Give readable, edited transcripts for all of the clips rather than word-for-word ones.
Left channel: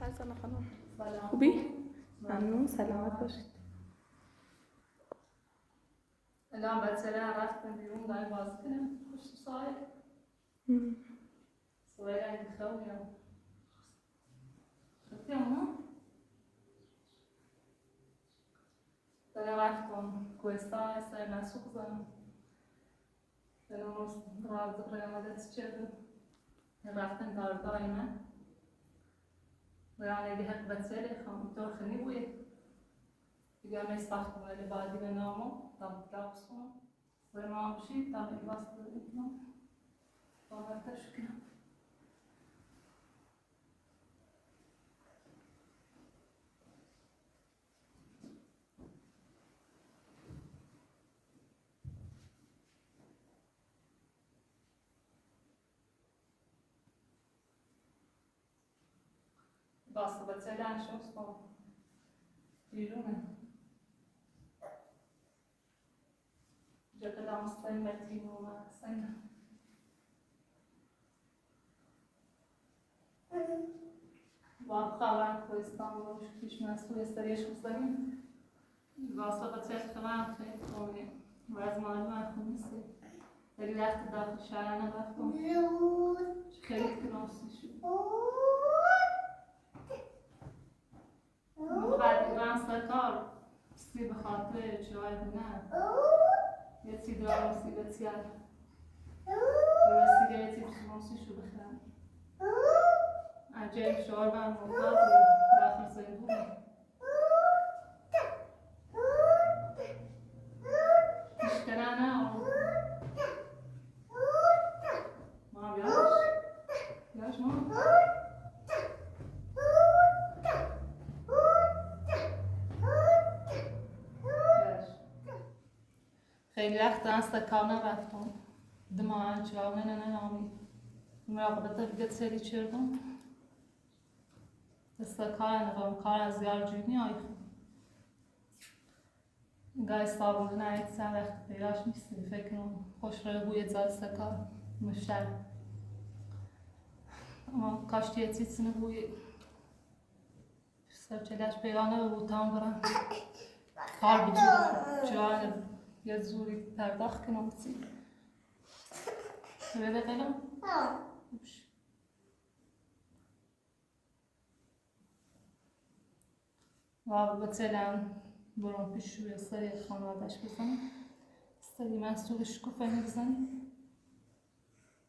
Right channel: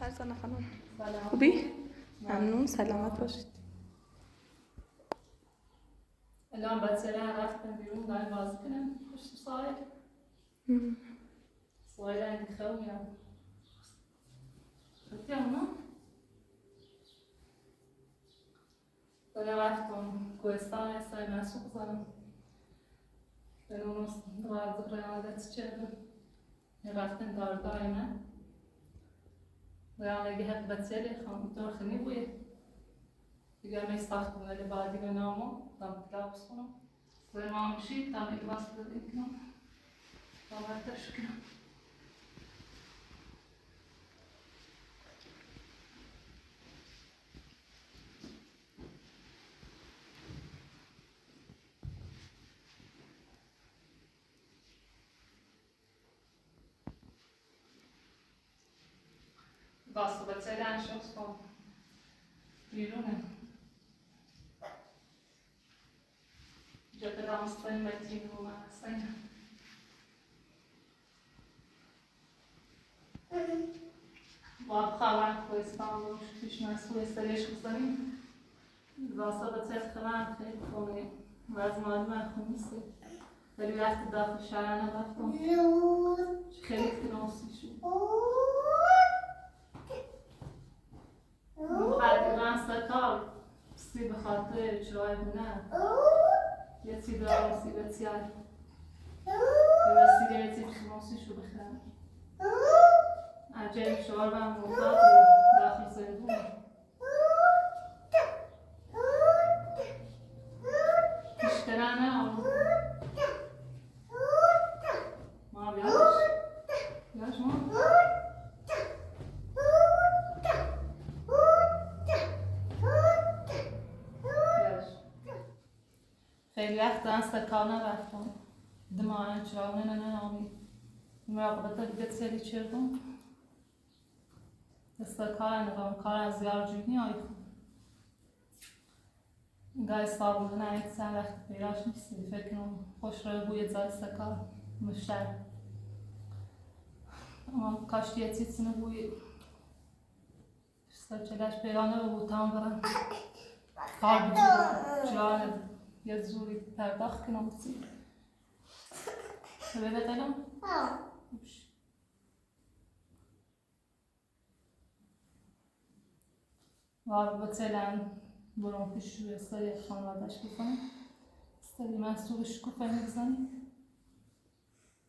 فرزانه خانم خوبی؟ ممنون، سلامت باشید. الان بچه رفتن بیرون داریم بازی کنیم پشت سایل. سایل اینکه خیلی میام. خیلی اونا؟ داریم رفتم کوهستان استای مسوق زنم. داریم اونو دوازده قیادت چیدم. رفتن دایما. داریم لگه هک بچه لیخام داخلی بوی. دیگر میستخدم ولی بعدی به نامو دام کلاس کنم. داریم آمشید دام ایواز بدیم کنم. باورتش کنم. باست بچه لانشوس کن. بیرونه. جاده دامستانی بچه نمونه هستن. با خواهر کوهستان روش پیش مسئول استریش بزنیم. واسه بچه خواهر خیلی خونه وز معلومه خونیسته. ولی وقتی داخل شهر نرفتم خیلی تناسی شد. بعد من سکار سی به خاطر چرای بونه یه سی دارم سی به تیار یه سی یه سی تناسی شو بخرم عجیب شعار و مطلق داخل زندونه اشترانه ما بیاش ما خیلی وقت دست کار نرفتم دماغم جوانه ننامی مراقبت دیگه سری چردم دست کار نگم کار از یار جونی آیفون گای صابون نه یک سن وقت پیراش نیستی فکر کنم خوش رو بوی دست کار مشتر اما کاشتی یه چیزی بوی سرچلش پیرانه به بوتان برم کار بودی جای یه زوری پرداخت کنم بسی شبه بتنم؟ و بطلن برام پیش روی سری خانوادش بزنم سری مسئول شکوفه نبزنم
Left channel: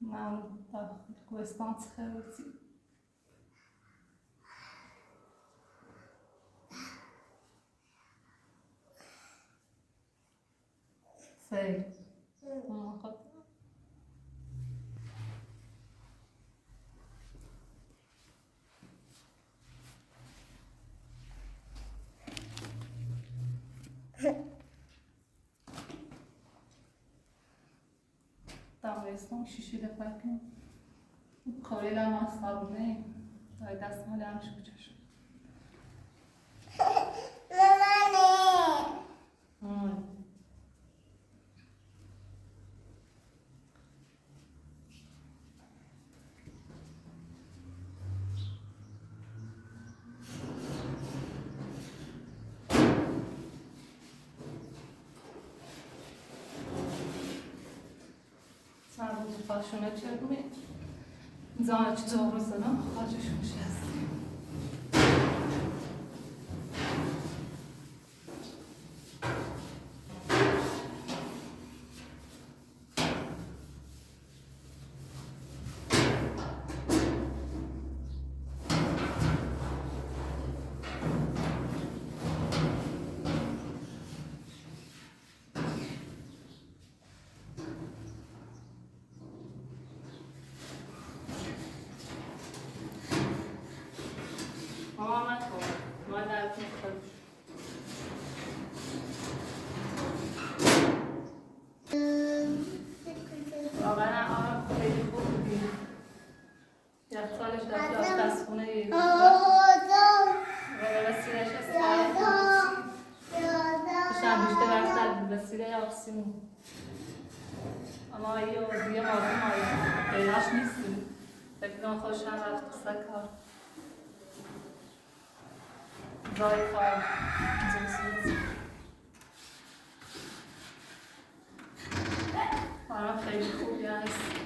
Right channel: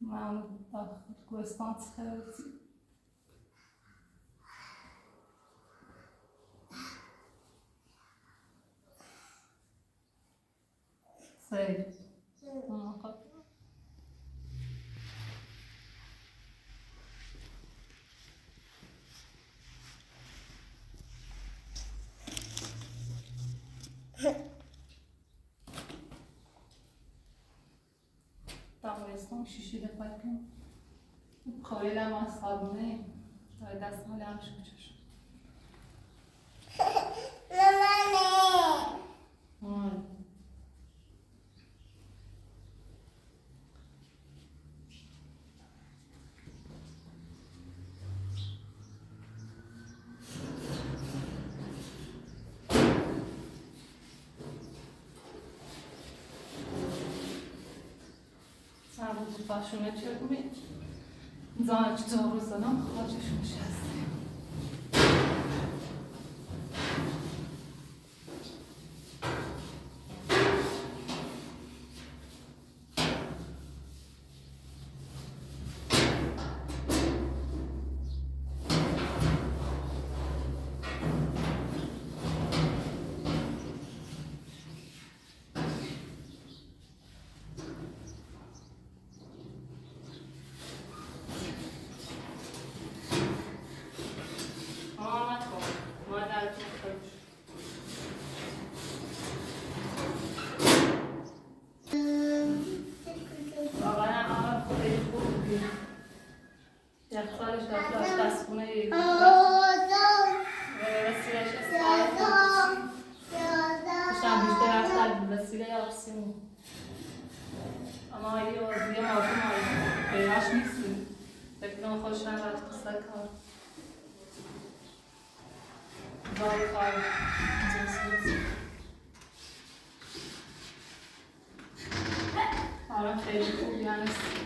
من داخل کوهستان خیلی سری داغستان شیشیده پاکم خواهی لما صابونه شاید دست حالی همش کچه شد فاشونه چه بوید؟ زانه چه زور زنم خواهشون شسته اما یه آرزوی مردم پیراش نیستی فکر کنم خوشم رفت سکار وای جنسیت آره خیلی خوبی هست.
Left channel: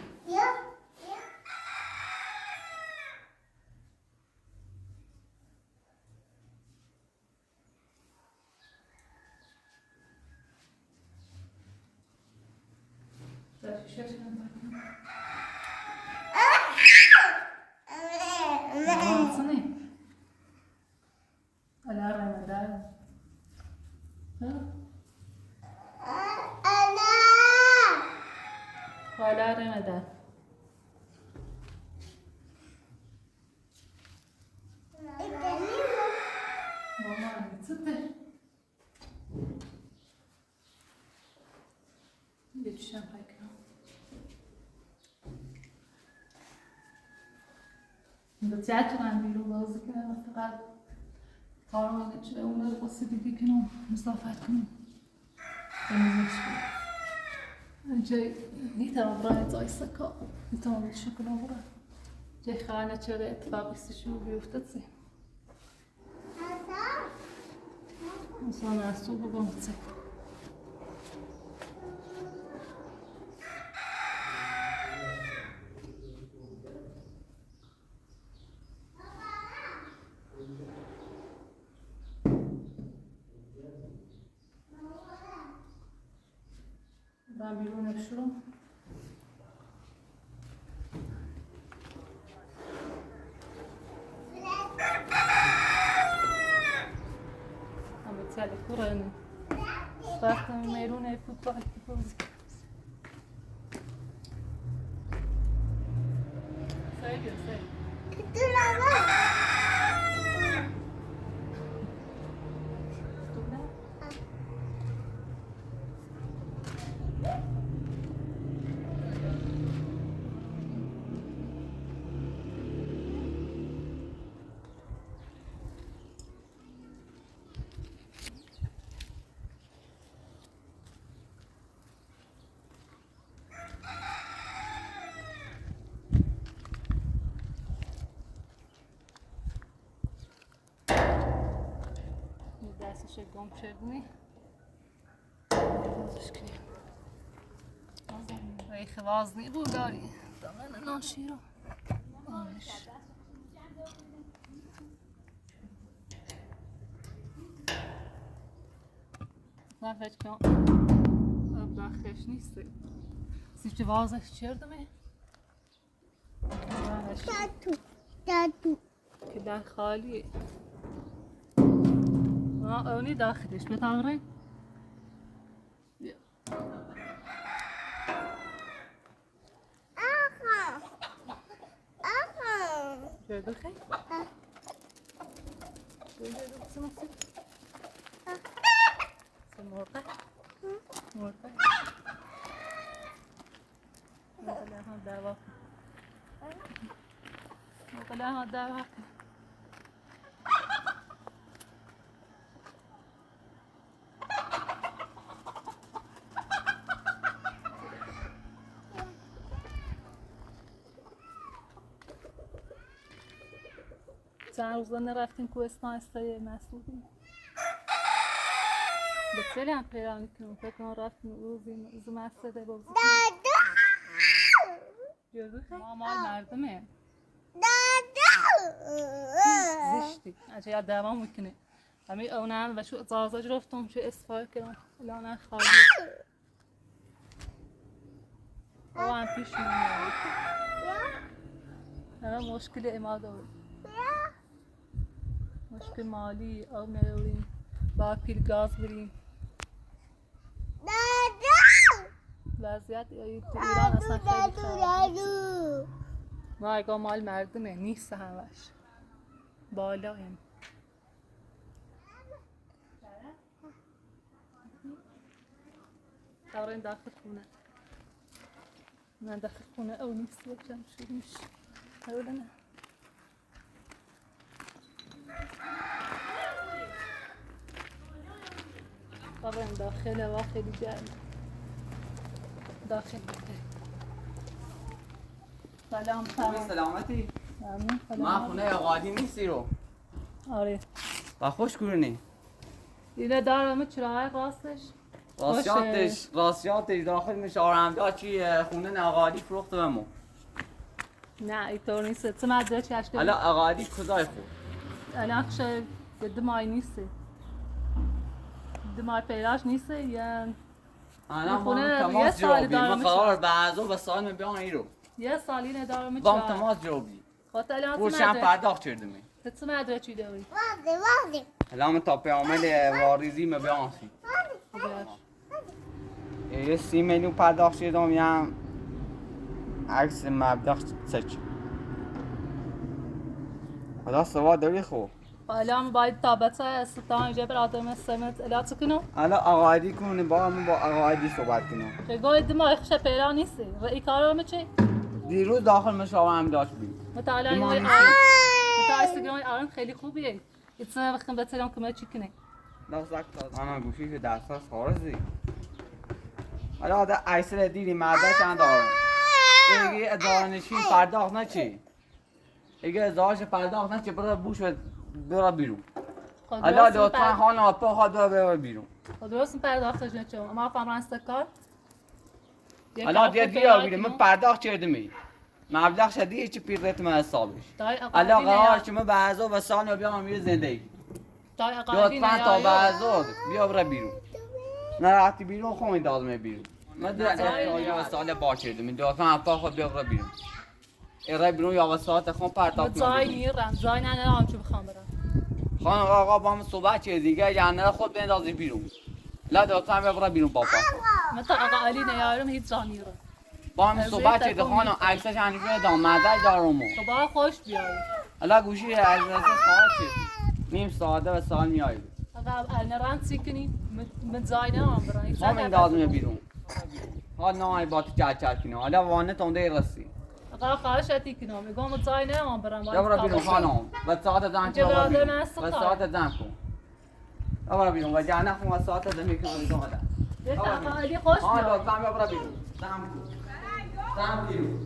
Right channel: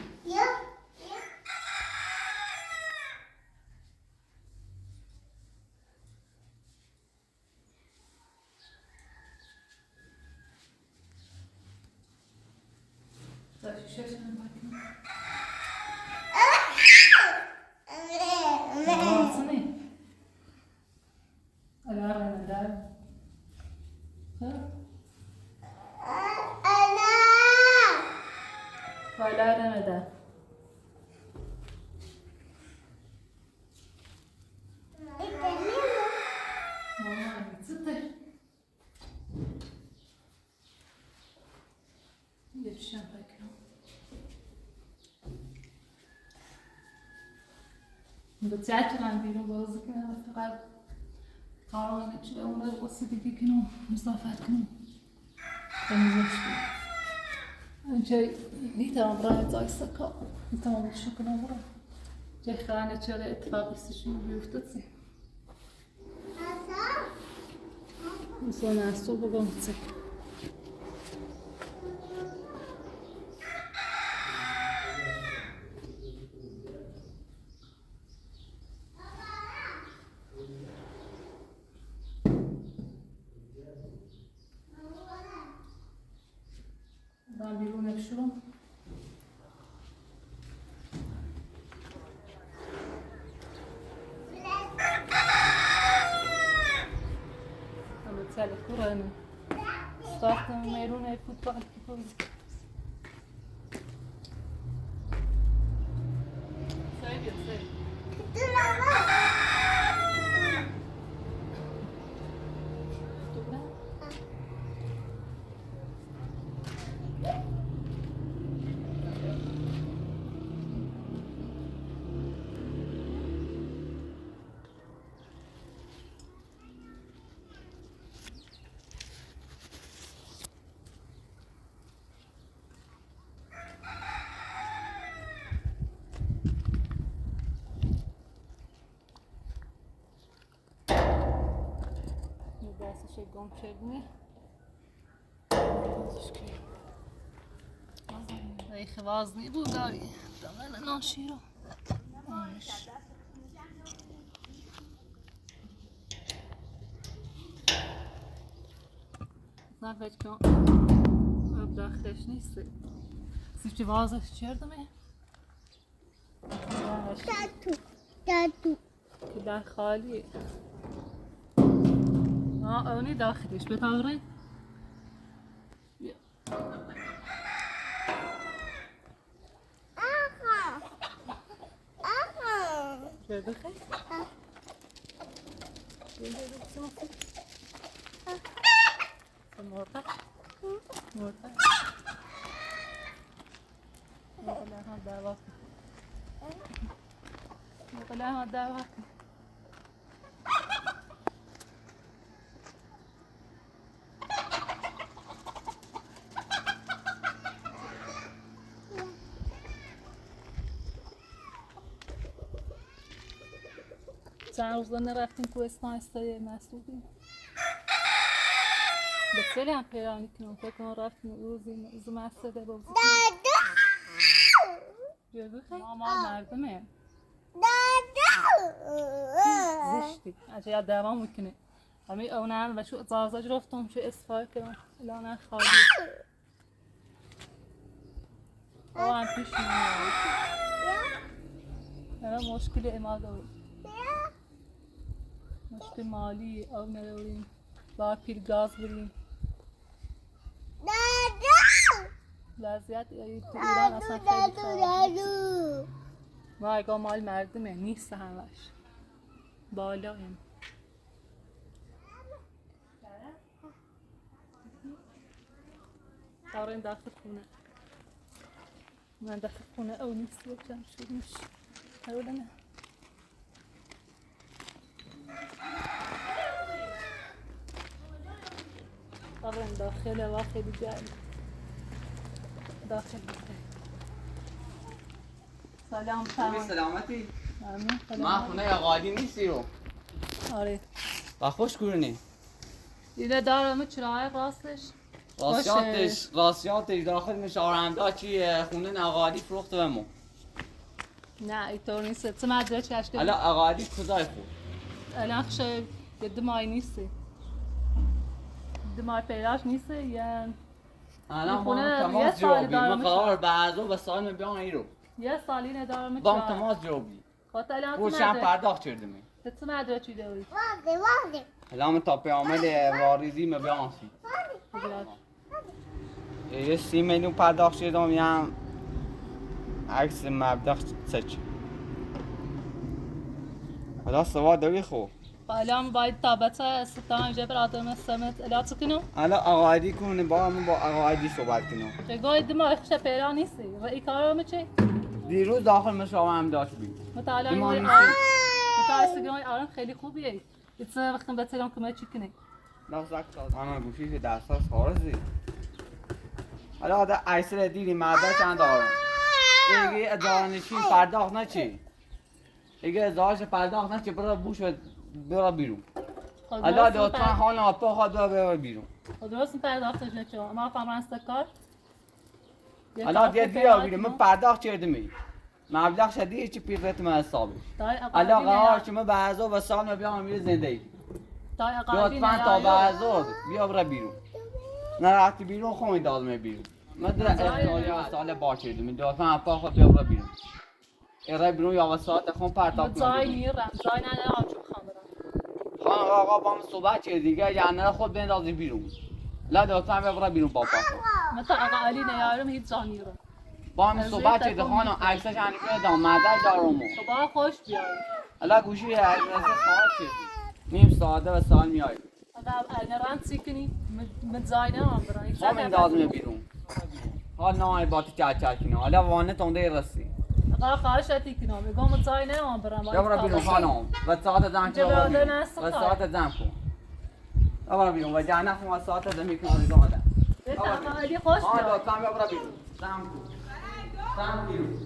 بتذاكر بیرون بازی کنم فقط کارو اینه چه اون رو قصه دیگه کنم مسافت کنم تمیزش کنم اینجای نیتام برای زایسته کار نیتام بچه کنم برای جای خانه چه اتفاقی سشون بیفته چه زونه سو بگم چه ben بیرون نشورم البته کورانه ساختم میرونه فوتبال بازی دستش گم شدنی ای خوازنی بود داری دامن ناشی رو من فکر کنم اب داخلش نیست سیفتی وازش چردمه دادو که در خالیه اونی داخلش بتاوره شده خیلی شده بسنو مرده مرده مقله هم دعوت مقله هم دعوت چند روز نرفتیم کوهستان استای مسعودی به خیلی هم پیرانی کنم فکر کنم رفتیم روزی از مسعوده بازی کنم جزو خیلی مال مردمه زشتی اجا یاد دوام میکنه همه اونم و شو زازاج رفتم شو اصفار کردم الان خالی او هم پیش میاد الان مشکل اما داریم مشکل مالی آب نداریم با پیر گاز بریم وضعیت تو ایران اصلا خیلی خرابه ما اگه مال مردمه نیست همش بالا هم دارین داخل خونه من داخل خونه او نیست یکم شروع میشه اولا نه طبعا داخل و خیلی جمع داخل سلام سلامتی آمین ما خونه قادی نیستی رو آره با خوش گرونی اینه دارم چرای راستش راستیاتش داخل مشارمدا چی خونه نقادی فروخت بمو نه اینطور نیست تو مدرک کشته حالا اقادی کجای خورد الان خشه دمای نیست دمای پیراش نیست یا الان با خونه تماس یه سال جوابی من دارم قرار بعضو به سال بیان ایرو یه سالی ندارم با چرای تماس جوابی خاطر الان تو روشن مدرک پرداخت کردمی تو مدرکی داری واضح الان من تا پیامد واریزی بیان سی یه 30 میلیون پرداخت کردم یا عکس مبلغ سچ حالا سوا داری خو الان باید تابت استان جبر آدم سمت الات کنم حالا آقایدی کنه با من با آقایدی صحبت کنم بگوی دمای خشه پیرا نیست و این کارو چه دیروز داخل مشاورم داشت بی متعالی دمای نیست متعالی آرام خیلی خوبیه ایتسه وقتی بترم که ما چی کنه نازک تاز انا گوشی که دست هست خارزی حالا آده ایسر دیدی مرده چند دارم ایگه ادارنشین پرداخت نچی ایگه ازدارش پرداخت نچی برای بوش و برای بیرون حالا لطفا خانه آپا خواد برای بیرون درست این پرداختش نچه ما فهمران استکار حالا دیگه بیرون من پرداخت چردمی مبلغ شدیه چی پیرت من حسابش حالا قرار شما بعضا و سال بیام میره زندگی لطفا تا بعضا بیا برای بیرون نرفتی بیرون خواهی دادمه بیرون من در احتیالی و سال با چردمی لطفا اپا خود بیا برای بیرون ایره بیرون یا و ساعت خون پرداخت زای بیرون میرم زای نه آنچه بخوام برم خانم آقا با من صحبت چه دیگه جنه خود بندازی بیرون لا لطفا بیا برای بیرون پاپا خود متا آقا علی نیارم هیچ جا میرم با من صحبت چه خانم عکسش هنی بدم مدعی دارم خدا خوش بیاری حالا گوشی از خواهد چه نیم ساعته و سال میایی آقا نران سیکنی مت زای نه آن برای همین دادم بیرون حال نه باتی چه کنه حالا وانه تونده رسی آقا خواهش اتی کنم میگم زای نه آن برام یا برو بیرون خانم و ساعت زن کن برو بیرون و ساعت زن کن برو بیرون و جانه خون و ساعت زن میکنم دیگه آدم آقا علی خوش ها لطفا بیا برو بیرون زن کن زن بیرون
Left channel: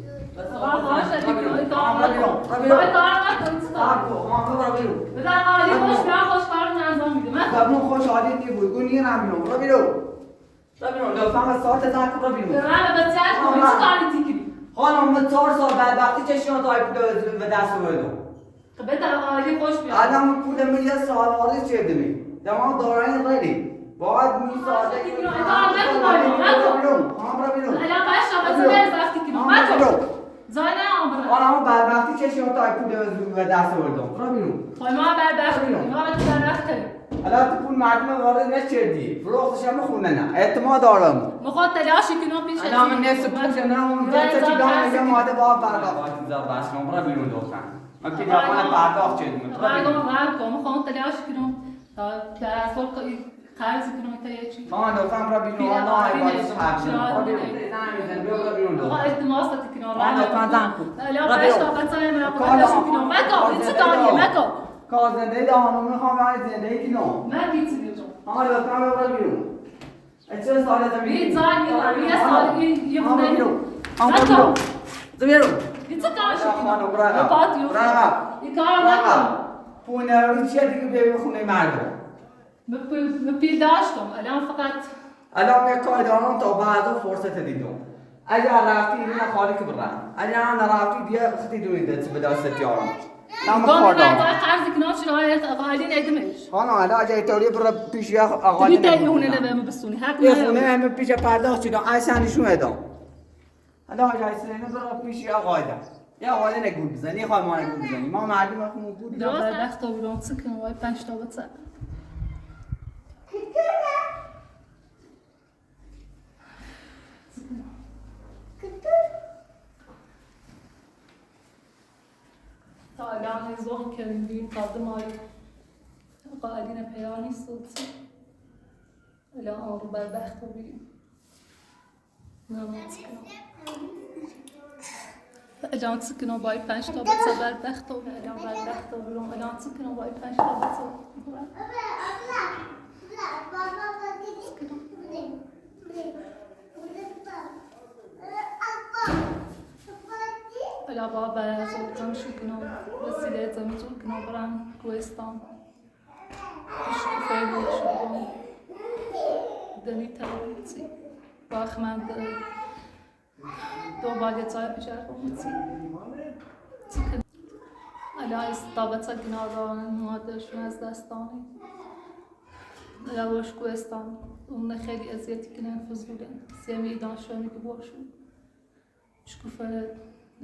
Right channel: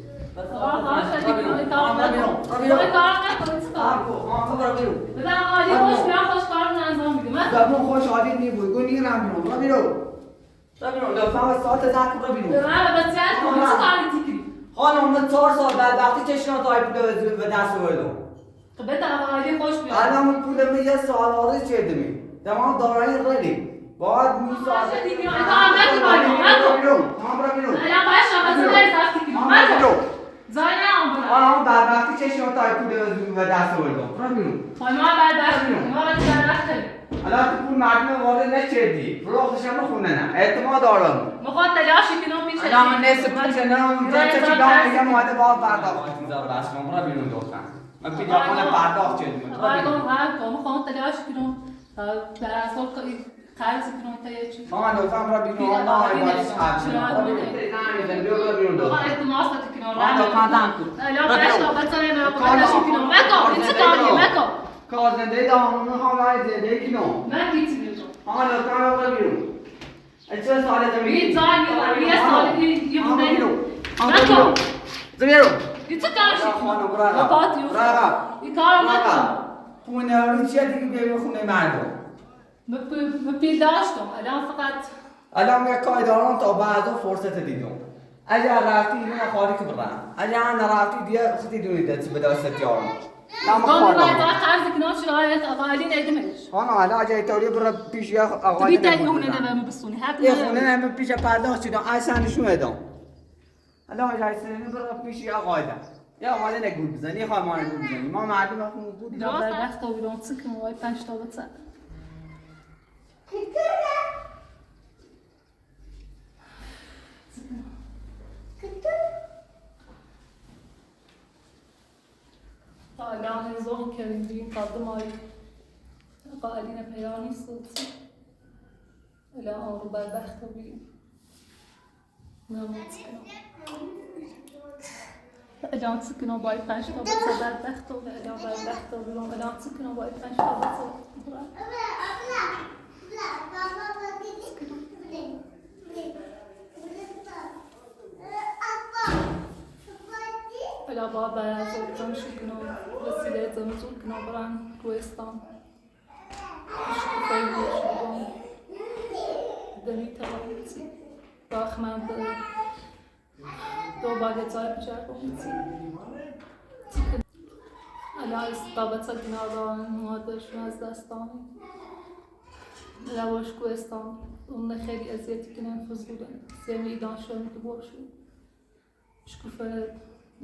آقا خواهش اتی کنم برو بیرون کار نکنید برو بیرون بذار آقا علی خوش بیام خوش کارم انجام میده من زبون خوش عادی نیبود گو نیرم بیرون برو بیرون برو بیرون لطفا و ساعت زن کن برو بیرون به من به بچه کنی چه کاری تیکری خانم من 4 سال بعد وقتی چشم تایپ به دست آوردم خب بده آقا علی خوش بیام الان من پول من یه سال وارد کردم تمام دارایی ریدی باید می ساعت دیگه آقا بیرون برو بیرون الان باش آقا تو در وقتی کنی من زای نه آن برام آن بعد وقتی چشم تایپ به دست آوردم برو بیرون خب ما بعد دست کنیم ما دیگر وقت داریم الان تو پول مردم وارد نکردی فروختش هم خونه نه اعتماد دارم میخواد تلاشی کنم پیش الان من نصف پول جنم تا چی دام میگم ماده با پرداخت میذار بس برو بیرون لطفا من پیجامان پرداخت کردم برو بیرون میخوام تلاش کنم که اصلا قرض کنم تا چی مامان لطفا برو بیرون نه باید برو بیرون برو بیرون آقا لطفا التماس کنم مامان لطفا زن کن الان باش آقا مثلا ما تلاش کنم مکو این چه کاریه مکو کار زندگی دارم میخوام برای زندگی کنم من گیتی میجم مامان لطفا برو بیرون چه سالته میگی این زای میگم یه سال یه مامان خونه بیرون مامان بیرون این چه کارشی خانم برو این کار نکن پونه رو چیه دیگه به خونه مردم مپیل داشتم الان فقط الان یک کار دارم تا بعدا فرصت دیدم اگر رفتی اینو خالی که برم اگر نرفتی دیگه خیلی دونید به دست یارم تمام کار دارم قرض کنم شرایط اقالی نیدمش خانم الان اگه توری برو پیش یک آقا تبي تايونه نبى بسوني حق یه خونه همه پیش پرداخت شدم اصلا نشون ادام الان اگه اصلا برو پیش یک آقا دم یا آقا نگول بزنی خواهم ما نگول بزنی ما مردم خون بود لا بخت و بیرون سکن وای 5 تا بس تا الان زوق کردیم بیم قدم آی قائلین پیانی صوت الان آن رو بربخت و بیم نماز کنم الان سکنم باید 5 تا بس بربخت و الان بربخت و بیرون الان سکنم باید 5 تا بس الان با زوجم شو کنم وسیله زمزون کنم برم کوهستان خیلی شدم دمی ترابیتی باخ من به دو باگتای بچرخونتی الان استابت کناران مادرشون از دستانی لواش کوهستان اون خیلی اذیتی کنن فضولن سمی دانشانی که باشون شکوفه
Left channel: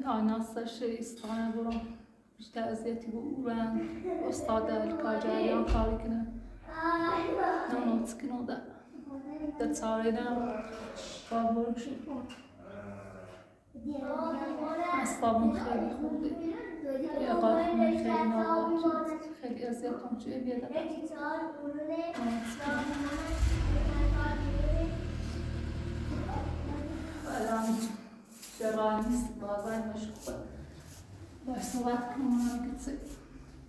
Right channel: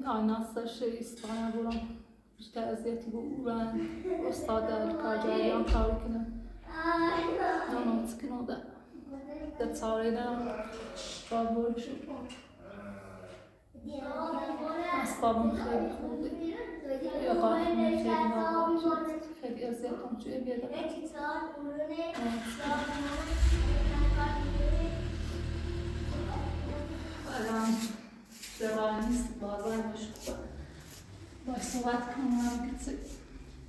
آیناستش استانه برام بیشتر اذیتی بورن استاد کارجریان کاری کنن نونوت کنن ده تاریدم با بروشون اصابم خیلی خوبه اقاقم خیلی ناراحت خیلی اذیتم توی بیاده الان دران نیست بازار مشکوبه باید صحبت کنم هم کسی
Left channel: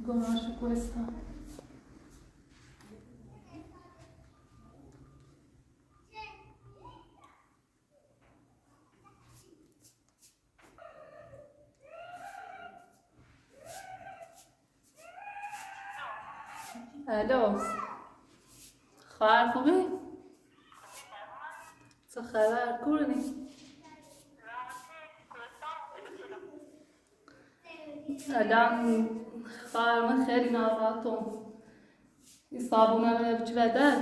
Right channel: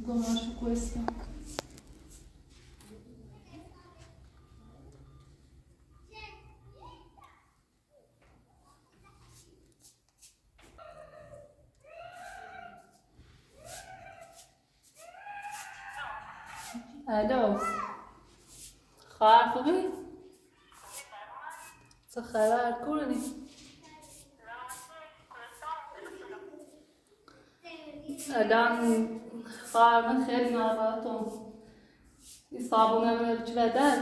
گناهشو کوهستان الو خواهر خوبی؟ چه خبر کورنی؟ الان خواهر من خیلی ناراحتم این صابونه منو بچه بدر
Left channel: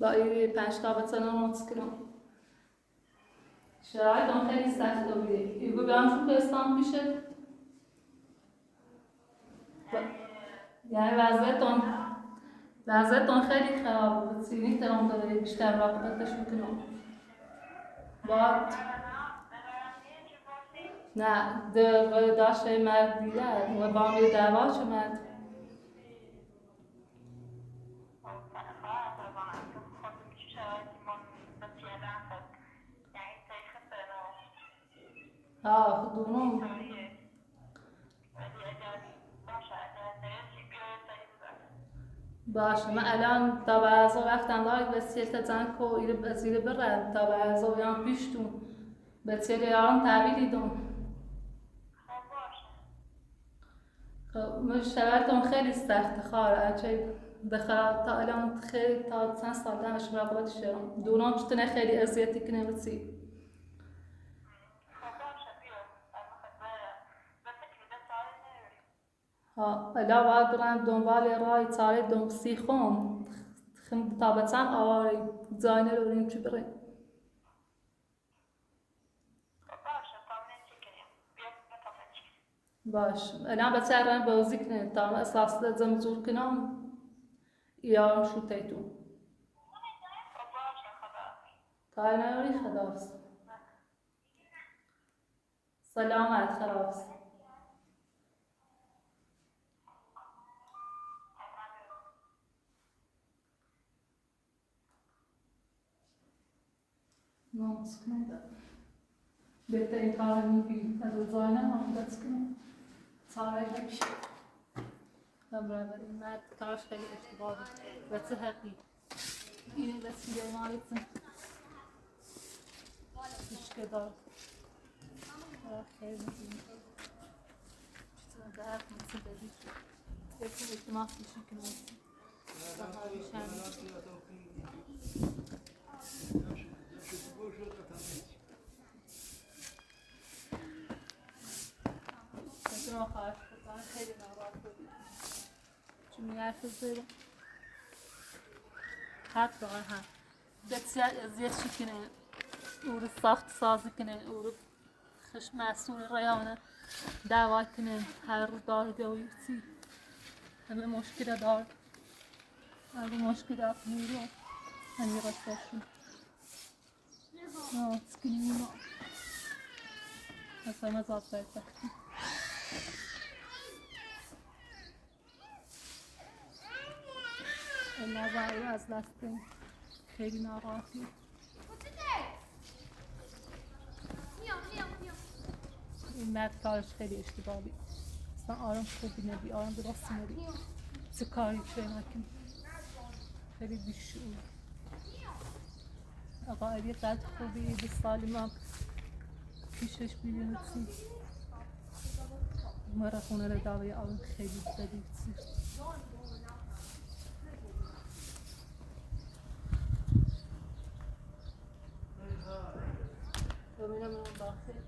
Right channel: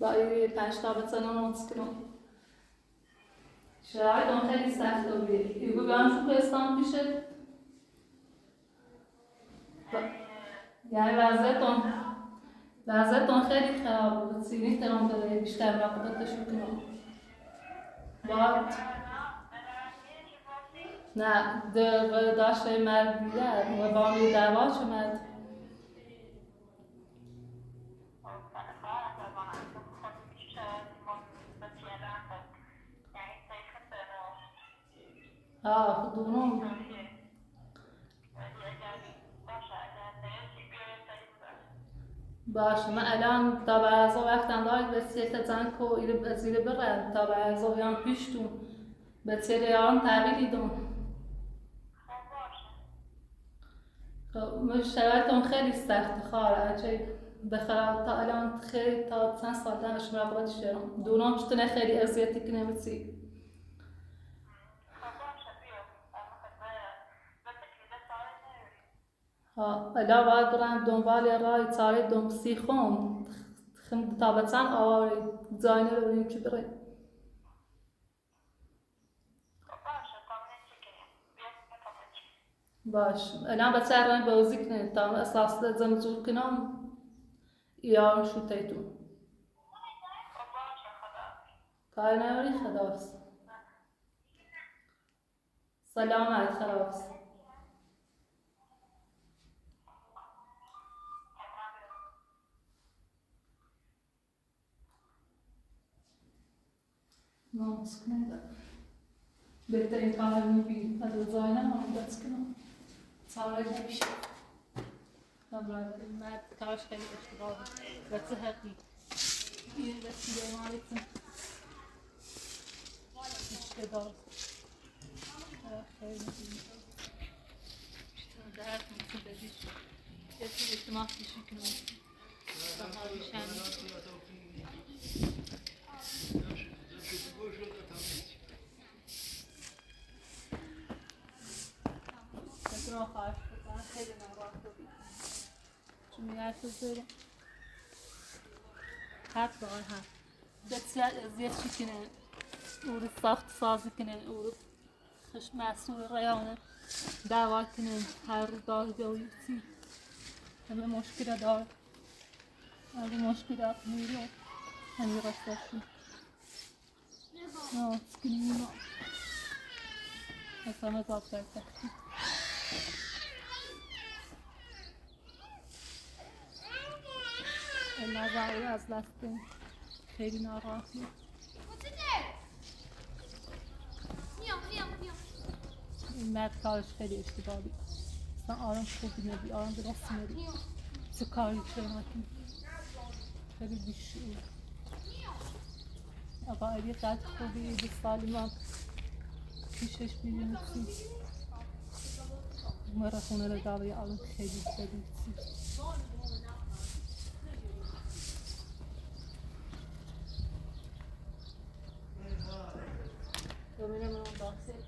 با این 5 تا بتنم مسکنم شرایطم خیلی سخت بوده این رو بیان شو کوهستان پیشه یعنی وضعیتون خیلی خراب بود سینی ترام داره بیشتر راقبتش میکنم بعد نه داشت مرد دیگر و با می دعوا شد خدونم باشه من الان تا بعضا وقتم دارید بسیار تزن که ایره بزیره برد تا بعضا بیان پیشتون بسیار یارم تحویلی دون مشتغلتون خیلی سخت خواهر بخواه تا الان خیلی تا 2 سال دانش مراقبتش دارم دونم چطور خیلی اذیتی کنه بسی الان باید برم دنبال رای تاری دنبسی خون تا بتن آواری زاینه رو بریم چی بریم باش الان بچه رنگ بازی کنه تا اساس لازم زور کنم یا شو تیتون کاری نمیری خداحافظ سلامت خداحافظ ناموس کنه بهترین کار میبینی از زاینه هم دست کنم سالای نمیشه برادر مرد کارش خیلی اشتباه بود بچه حقی این بسیده مالیتون اشکه دار خیلی میبینی چطور درد مثل بدیش یکی اجتماع پیشی کنم سهار بیشنی ما خواهش بودن خیلی ناراحت بودیم چون میگرد زیرم حد با هم بسیار ازیت چی کنه او رو ساخت سازی کنه او رو خش مسئول ریانه دعوت کنه هر رو دارگه و یوسی همه مشکل دار همه مشکل میرو همه رستاشون نه سکنی اینا مثلا مزاب برده نظری از دستیم خیلی ناراحتی این مرد کارش خیلی اشتباهی اصلا آرام خوبی نبی آرام درست نبی چه کاری چه نکنی خیلی بیشعور آقا علی قد خوبی 20 سالی ما پیشش بیرون چی مرا خونه رو داره آرام خیلی بدی چی داخل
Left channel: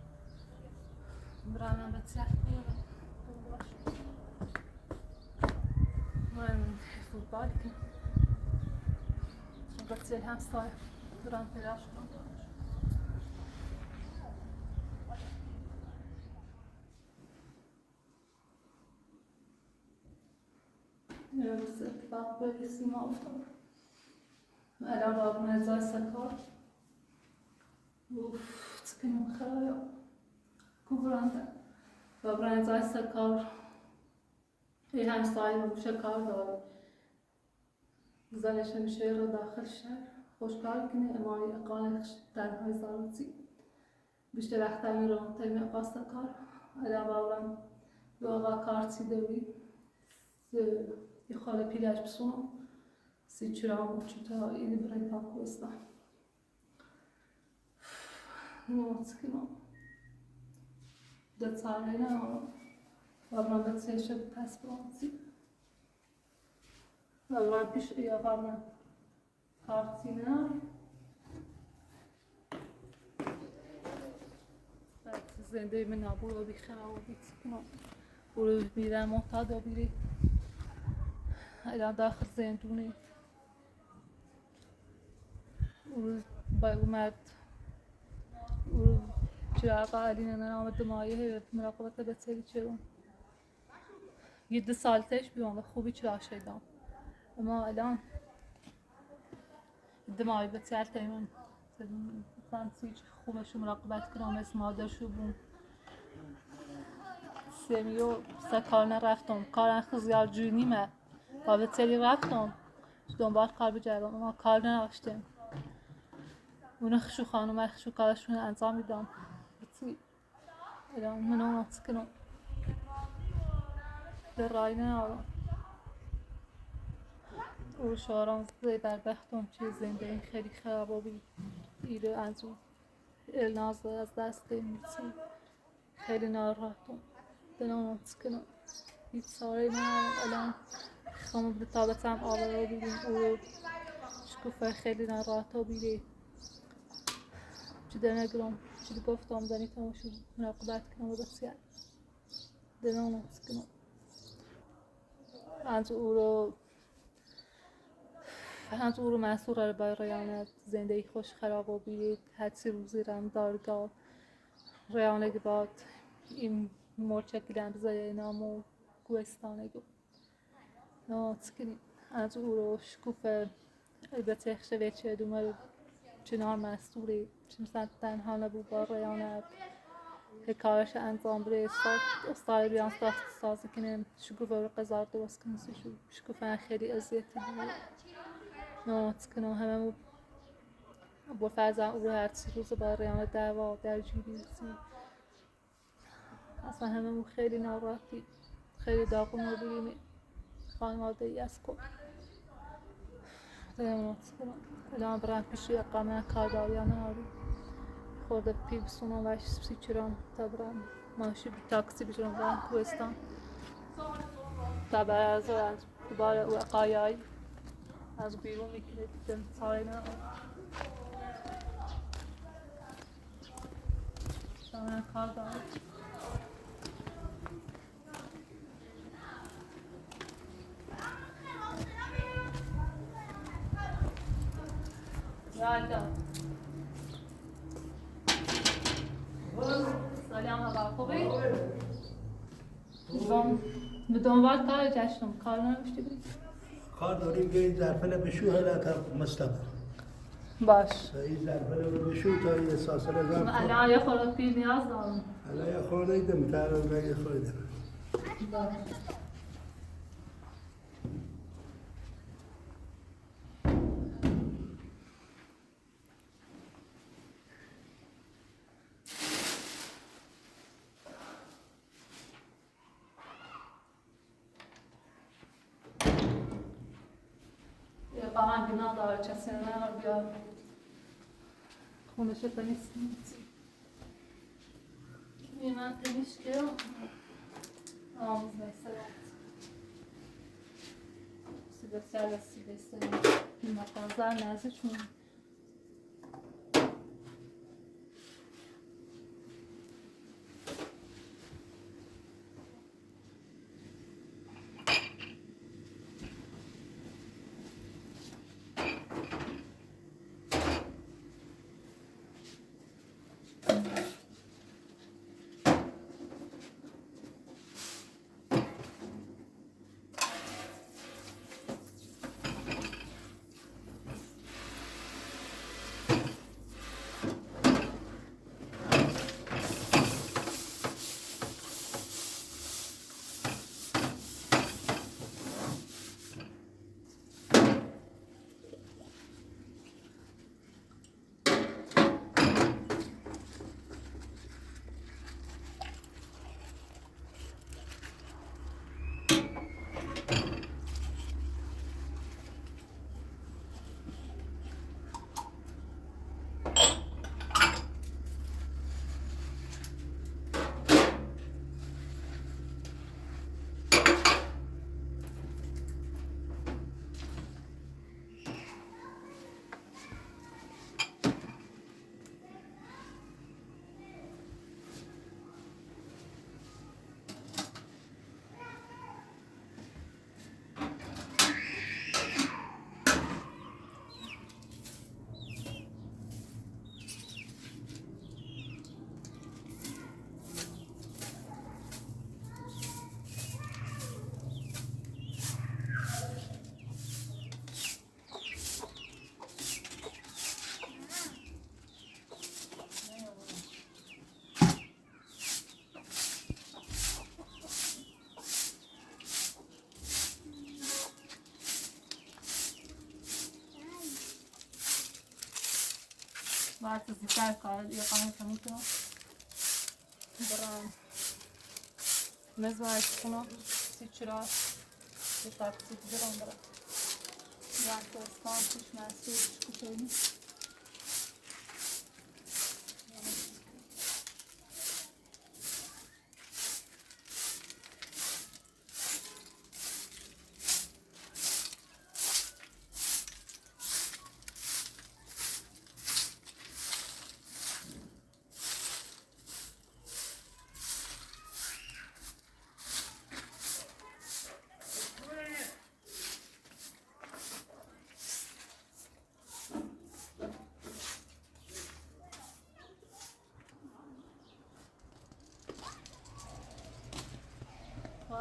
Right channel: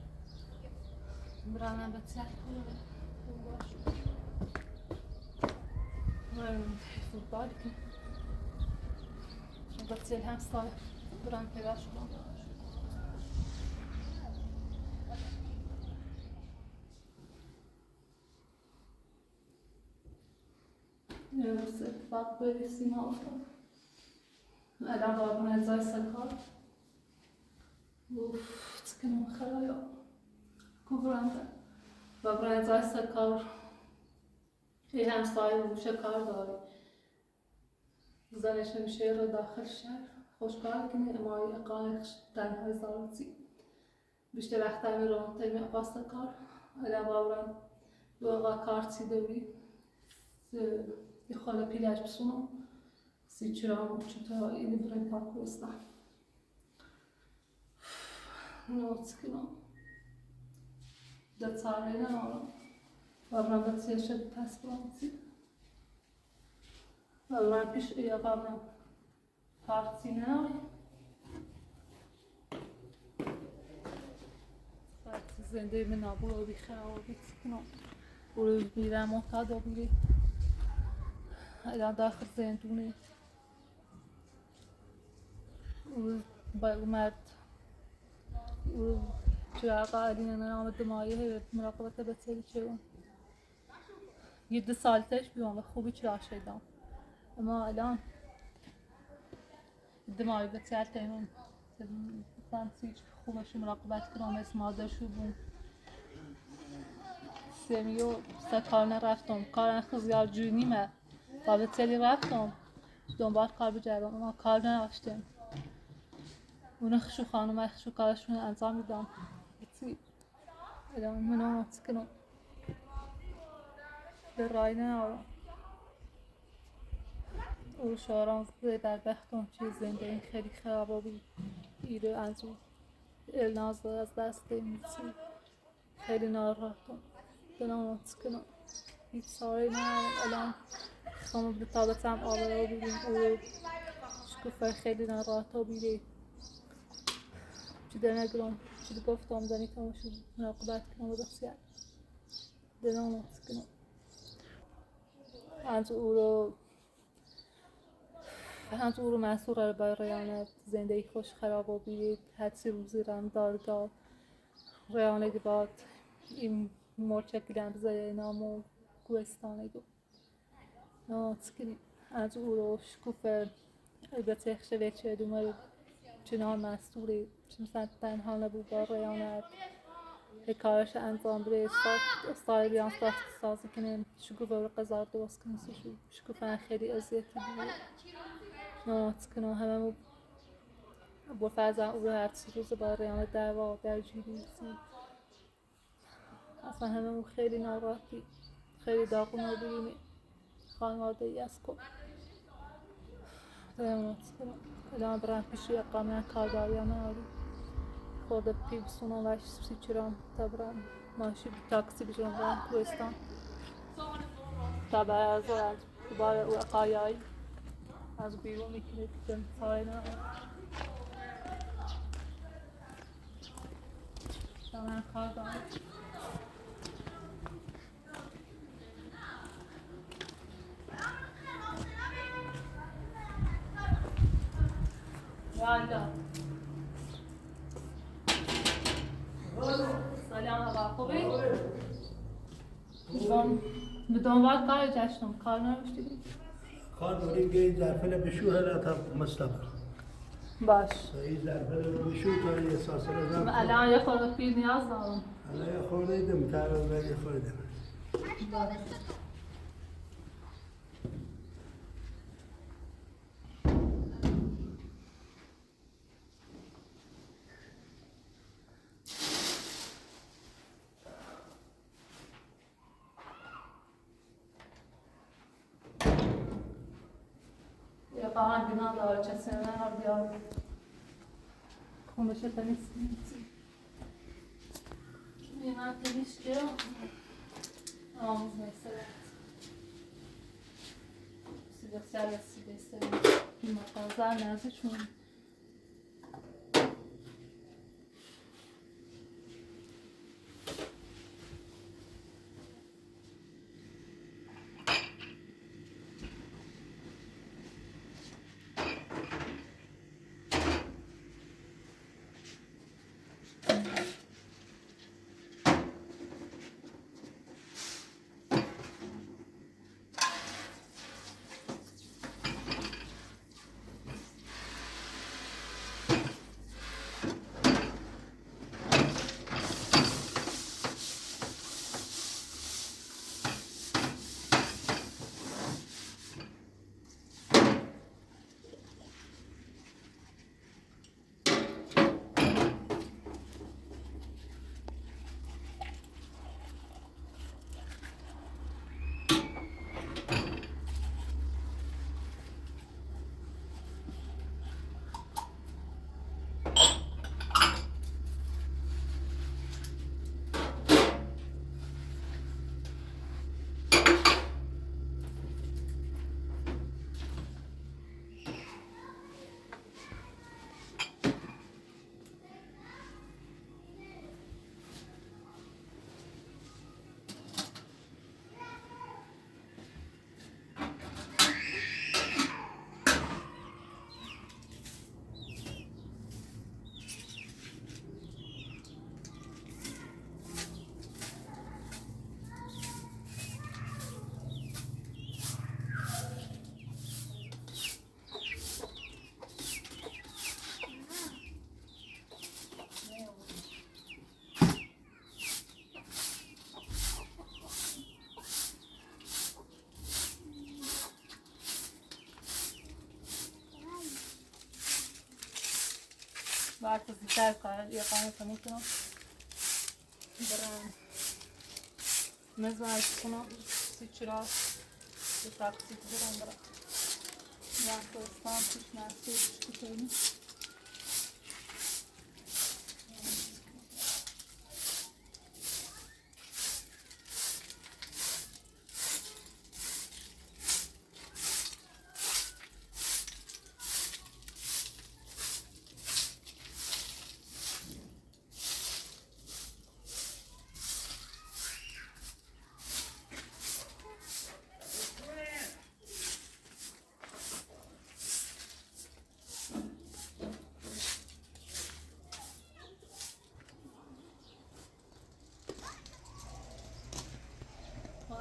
برانم به تلک کنم من فوتبال کنم چون بسیل هم سای بران پیداش کنم روز اتفاق به سیما افتاد الان بابون ازای سکار تکنم خرایا کوبرانده بابون ازای سکار یه همسایه روش کار داره زنش همیشه رو داخل شهر خوشکار کنه اما اقامه تنهای زارتی بیشتر وقت میرم تیمی پاستا کار الان بابون با کارتی دوی یه خاله پیلش بسونم سی چرام چطور اینی برای پاکوستان نوت کنم ده ساله نه بابران بسیار شد پس برانسی بابران پیش یا بابران کارتی نه زنده من نبود و بیخرا و بیتکنم برو بیرم محتاط و بیری الان داخل زندونه و با مرد و چراغ علی نامد مایه مراقبت بسیاری چرون یه 2 سال پیش بیام و خوبی چراغ شدم اما الان دماغی بسیار تیمون سانسیج خوبش مراقبت کنم از مادرشو بون سمیو سکار نرفتم کار خزیار جونیمه و بسیاری رفتم دنبال کار بجرم اما کار نداشتم اون خشو خانم خشو کارشون انجام میدم بسی الان من اون کنم در رای نارم او شاران زی در بختم چیز زنده این خیلی خرابی ایره از اون الناز از دست میسی خیلی ناراحتم دلم کنم هیچ ساری نارم الان خواهم به تابتم آبه رو بیدیم او شکوفه خیلی ناراحت و بیده چی در نگرم چی گفتم دانی تماشو مراقبت کنم و بسیار دلم کنم از او رو مسئول رو برای ریانت زندگی خوش خراب و بیدید حدسی روزی رم دارگاه ریانه باد این مرچه کلم بزای نام و کوهستانه گو کنیم از او رو شکوفه البته خشوه چه دومه چنان مسئولی چون تنها نبود با ریانت کارش انجام بره استاد بیان سازی کنیم شکوفه رو قضار درست کنیم شکوفه خیلی اذیتی بود نوت کنم همه با فرزن او رو هر روز با ریانت دعوا در جیریزی اصلا همه خیلی ناراحتی خیلی داغون رو بگیریم خانواده ای از کن نوت کنم الان برم پیشی اقامه کارداریان آری خورده پی بسونم و سی چرام تا برم ماشی تاکسی بجرم برم کوهستان تا برای از دوباره او اقایایی از بیرون میکنه دیدم ساری نه من کار دارم یالله سلام آقا خوبی؟ به دنبال کار جشنم کار نمیشتی؟ کار داری که این ظرفه بشو هلا تا مستقر باش این ظرفه رو بشو تا یه ساسره ظرف الان یه خورده پیر نیاز دارم الان یه خورده ایدم ترم یه خورده باش قاعد نداره کسی نه بیاد خونش تنیس من تنیس که آموزه سلام سیده این مقازه نزد چون بعد زیتر کار یه قانون تموم کنم برام نزاید کنم چرا یه تاکسی برام برام وقت اسلام توش محسوب کنیم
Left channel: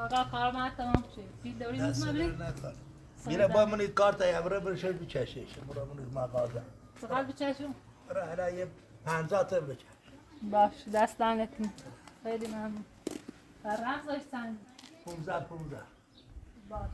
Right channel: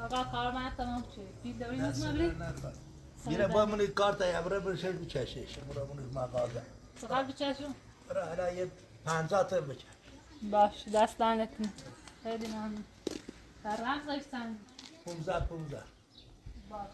آقا کار ما تمام شد. بی دوری نیست مبری؟ میره با منی کار تا یبره برشه بچشش. مرا منی مغازه. چقدر بچشم؟ برای حالا یه 50 تا بچش. باش دست لعنتون. خیلی ممنون. در رفت داشتن. 15 باش.